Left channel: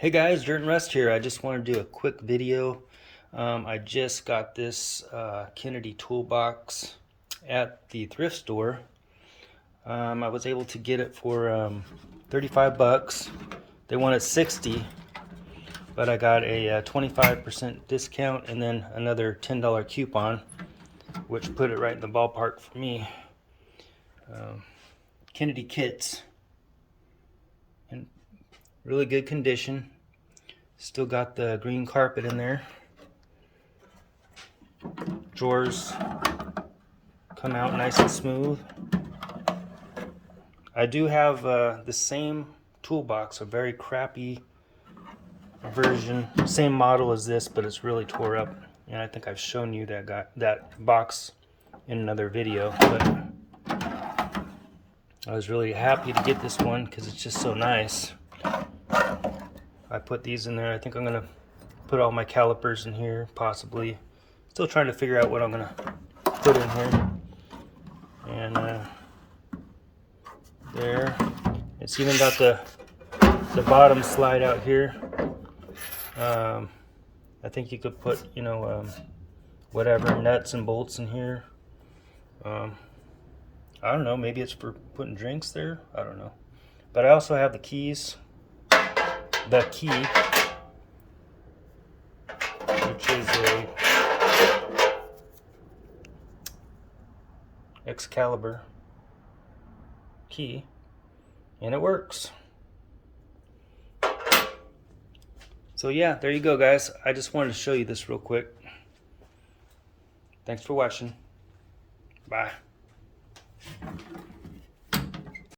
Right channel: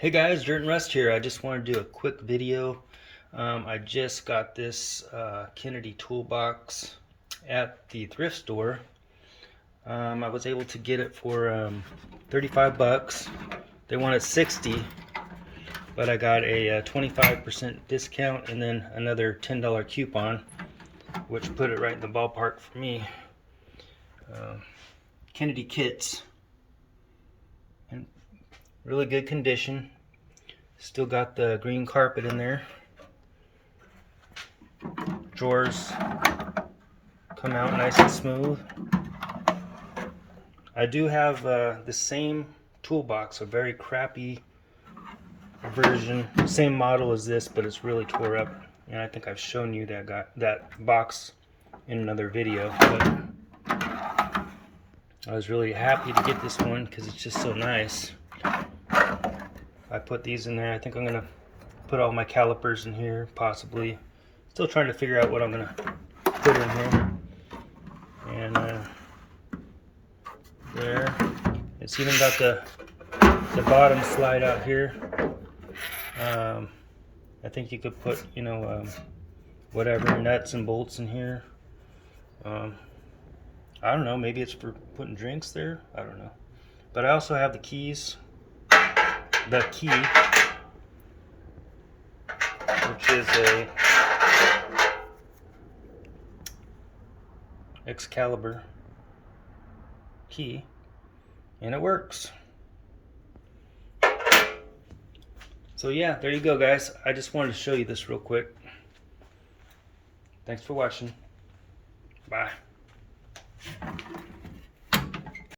Hey guys, Dirt and Rust here. I just want to do a quick video. I just got this Kennedy toolbox at the thrift store. I was able to get it for 35 bucks. They wanted 60, but I got a 25% discount and then another $10 coupon, which put it right in the ballpark for me. Kennedy kits in really good condition. Still got the green carpet in there. Drawers come out nice and smooth. I do have the same toolbox, a very crappy version, same model as this, but it's really tore up. And I think I've shown you that box in another video. But I was really happy to get this one because it's just so nice. I put these in there. I think I'm gonna put all my calipers in here, possibly. Still trying to figure out what I'm gonna put in here. And there, it's even got the bottom slide out here. I think you could put, whatever nuts and bolts in here. I don't know. Maybe it's for putting drinks there. I don't know. But I also have the keys. The key, which is a Excalibur key, and it works. So yeah, there you go guys. I just wanted to show you this real quick. Thanks for watching. Bye.